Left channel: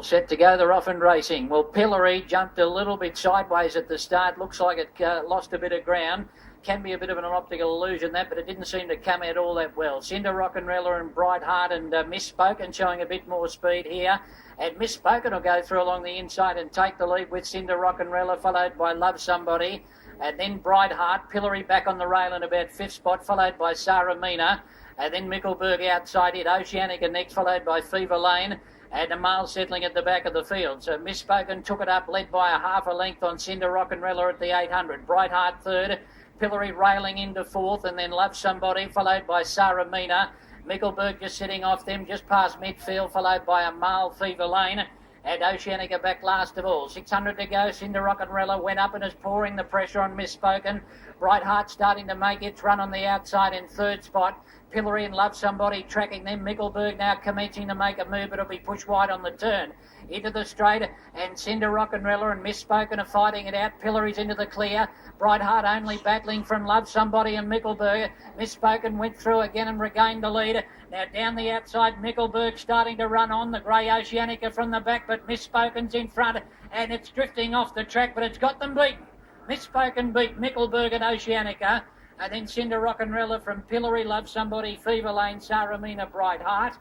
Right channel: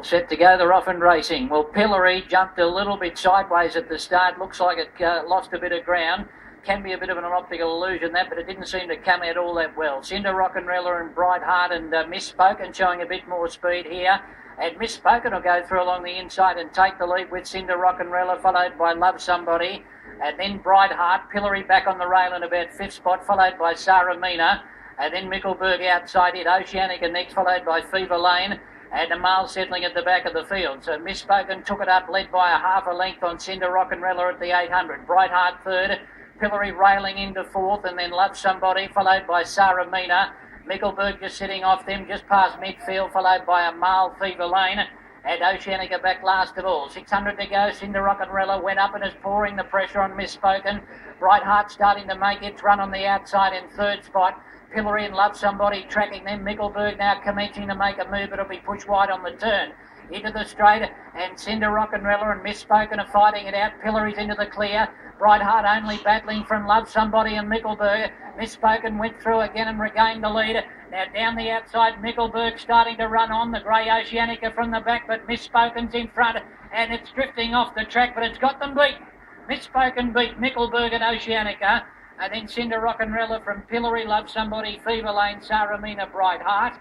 All set to go, they're off and racing. Well, Pillory jumped a little bit sideways at the start. Looks like it lost a bit of ground. Can be a bit of an optical illusion, that, but it didn't seem to come out all that well. Cinder Rock'n'Rella and Bright Heart and Misspoken showing a bit more speed here. And Misspoken will go through along the inside and take the lead with Cinder Rock'n'Rella, followed by Love Somebody. And then Bright Heart, Pillory back on the rail in about fifth spot, followed by Sarah Mina. And then Mickelberg outside it, Oceanica next, followed by Fever Lane. And Amal settling at the back of the field. So Misspoken took it up, led by a half a length on Cinder Rock'n'Rella at the 800. Bright Heart third, Pillory railing into fourth, and then Love Somebody, followed by Sarah Mina. Mickelberg just sitting off them, just past midfield, followed by Amal, Fever Lane. And Oceanica back last of all. 600 to go. Cinder Rock'n'Rella went up and is pouring the pressure on Misspoken. Bright Heart starting to make its run on the outside in third spot. Pillory and Love Somebody tracking them. Mickelberg now commencing to make a move, but it'll be pushed wide on the turn. Into the straight, and Cinder Rock'n'Rella and Misspoken are fighting it out. Pillory's into the clear. Bright Heart only battling from Love Somebody and Mickelberg. Misspoken went through again and regained the lead. Now down the outside, Mickelberg starting to run on. The grey Oceanica from the back, but Misspoken's in front, and it's drifting off the track, but it's got them beaten. Misspoken beat Mickelberg and Oceanica. And then Cinder Rock'n'Rella from Pillory, Love Somebody, Fever Lane, Sarah Mina, Bright Heart.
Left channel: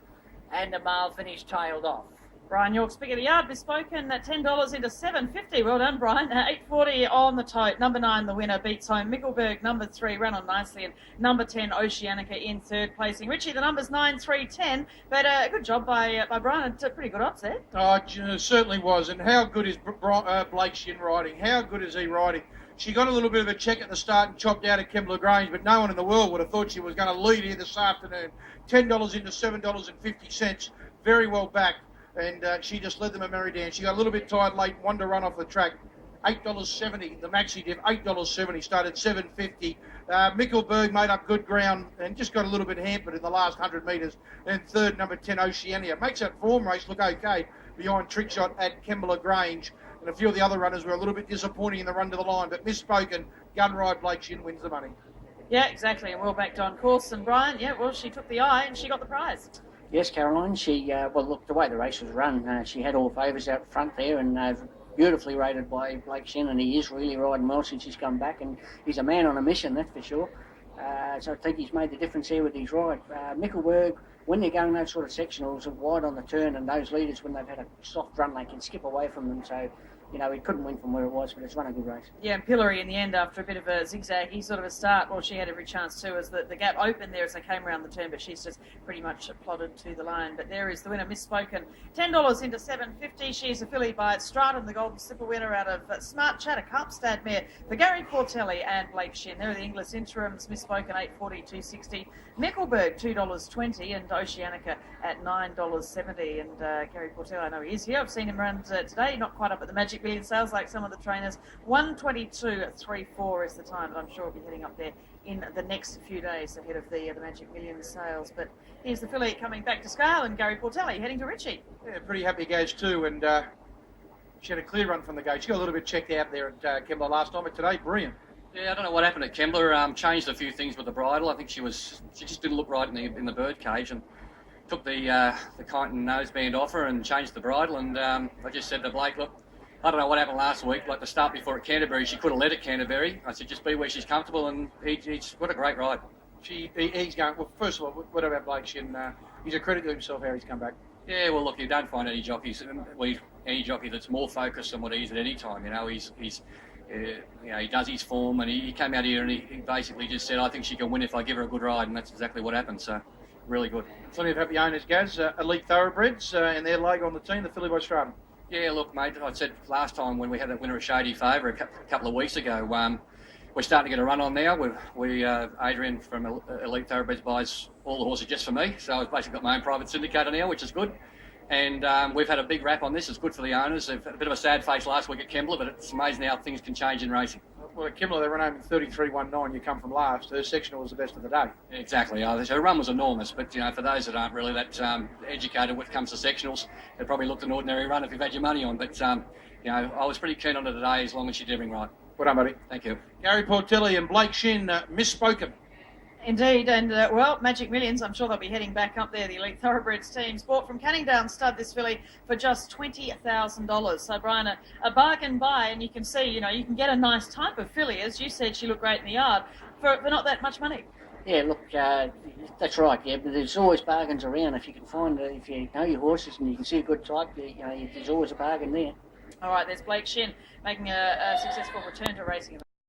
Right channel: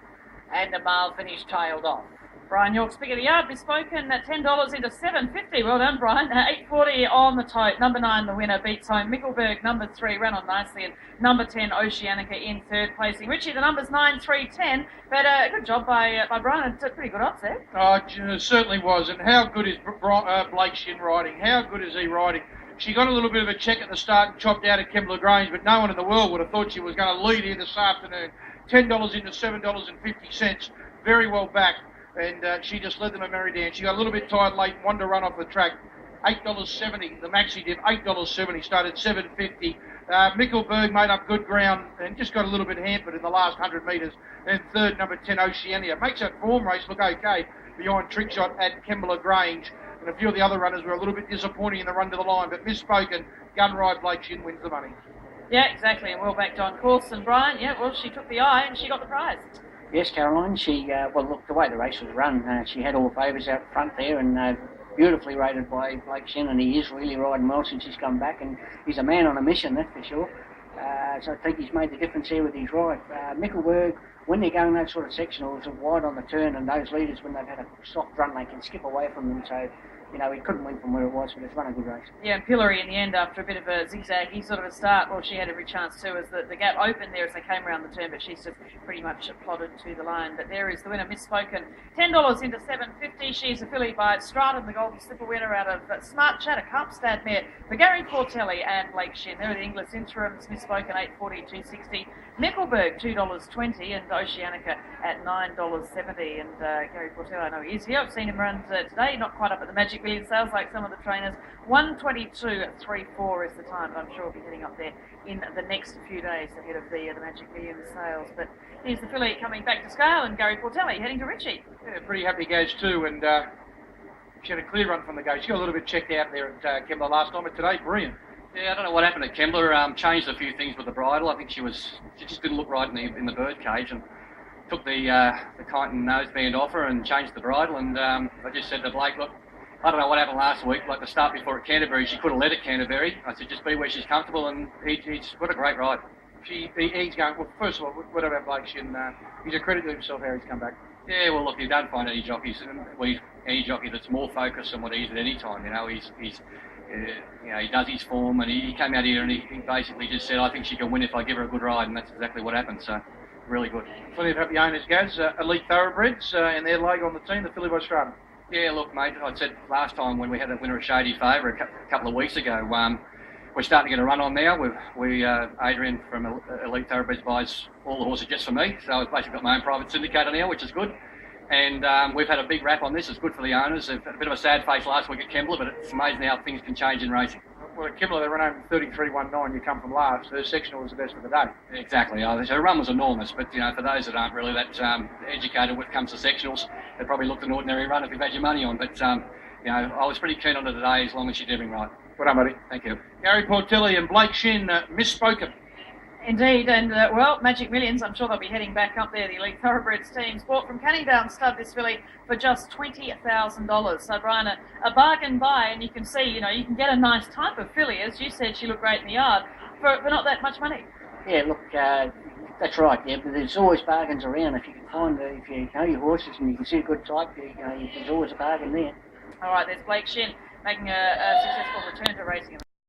And the male finished tailed off. Brian York's pick of the yard, Bespoken at $10 into $7.50. Well done, Brian. $8.40 on the tote. Number 9, the winner, beats home. Mickelberg, number 3, ran on nicely. And number 10, Oceanica in third placing. Richie, the numbers 9, 3, 10. But a good job by Brian. It's a pretty good odds there. Oh, it certainly was. And how good is Blake Shin riding? How good is he riding? She got a little bit of a check at the start and chopped out at Kembla Grange, but no one in the world would have thought she was going to lead here this afternoon. $10 into $7.50. Very well backed. And she just led them a merry dance. She got a little bit tired late, wanted to run off the track. $8.70, the maxi div, $8.70, started $7.50. Mickelberg made up good ground and just got a little bit hampered in the last 100 metres. And third, number 10, Oceania. Makes that form race look okay behind Trickshot at Kembla Grange. And a few of the other runners were a little bit disappointing in the run to the line, but Misspoken, gun ride Blake Shin wins the money. Yeah, exactly, and well backed on course. And Brian, yeah, well, she took the eye and she got the prize. Yes, Caroline, she, well, look, the way the race was run, she had all favours out front there, and beautifully rated by Blake Shin, and he is really riding well since he's come back, and he's a man on a mission, that's for sure. So I think he's made the difference here with his ride. Mickelberg, when they're going those sort of sectionals, are wide on the turn, and those leaders, when they've had a soft run, they can skip away from them, so you know, he couldn't win from where it was, but it's run a good race. Yeah, and Pillory in the end, after a bit of a zigzaggy sort of a start, well, she had every chance too, as the gap opened there as they came around the turn, but she's just pretty much plodded to the line. But there is the winner, Misspoken, $10 into $7.50. She's affiliated by Stratum, the Golden Slipper winner out of Smartchat, a Kapstaad mare for Gary Portelli and Blake Shin. There are the English interims, Misspoken $8.40, $2.60. Mickelberg $2.20 and Oceanica at $9.70. And Gary Portelli, I know he is here. I've seen him run today, not quite up at the Magic Million sales like some of the trainers. 1:22.34 is the time, but I'm sure we'll be heading up there in the next few days ahead of the Magic Million sales. But here's the filly coming back to scale, and Gary Portelli heading to Richie. Yeah, pretty happy goes too, and she had a clear run from the gate. She got a little bit checked out there at Kembla last time, but today, brilliant. Yeah, I don't know what happened at Kembla. Changed a few things with the bridle. I think she just didn't look right in the bird cage, and took the chitin noseband off her and changed the bridle. And I just said to Blake, look, I don't know what happened last week. Like the start before at Canterbury, she could have led at Canterbury. I said, just be where she's comfortable, and he's what a great ride. He's going. Well, first of all, what about Blake Shin? He's a credit to himself how he's come back. Yeah, well, look, you don't find any jockeys, any jockey that's more focused on what he is at any time. You know, he's you know, he does his form, and he came out here and he basically just said, I think she can win if I give her a good ride, and that's exactly what happened. So, really good. Plenty of happy owners, Gaz. Elite Thoroughbreds and their logo on the team, the filly by Stratum. Yeah, look, mate, I said last time when we had a winner of Shady Favour a couple of weeks ago, we're starting to get a run on now. Adrian from Elite Thoroughbreds buys all the horses just for me, so I've basically got my own private syndicator now, which is good. And we've had a big rap on this. It's good for the owners. They've had a bit of a sad face last week at Kembla, but it's amazing how things can change in racing. Well, at Kembla, they ran home 33.19. You come from last. Their sectional was the best of the day. Exactly. Her run was enormous, but you know, for those that aren't really that educated when it comes to sectionals, they probably looked an ordinary run if you've had your money on. But you know, I was pretty keen on it today, as long as she did everything right. Well done, buddy. Thank you. Gary Portelli and Blake Shin, Misspoken. Indeed, and well, Magic Millions, I'm sure they'll be heading back up there. The Elite Thoroughbreds team's bought from Canning Down Stud this filly for just $20,000. So, Brian, a bargain buy, and you can see, you can get a nice type of filly. As you said, she looked great in the yard for not that much money. Yeah, look, that's right. Yeah, but there's always bargains around. If you can find, if you know your horses and you can see a good type, there's always a bargain there. All right, there's Blake Shin making a successful return to racing.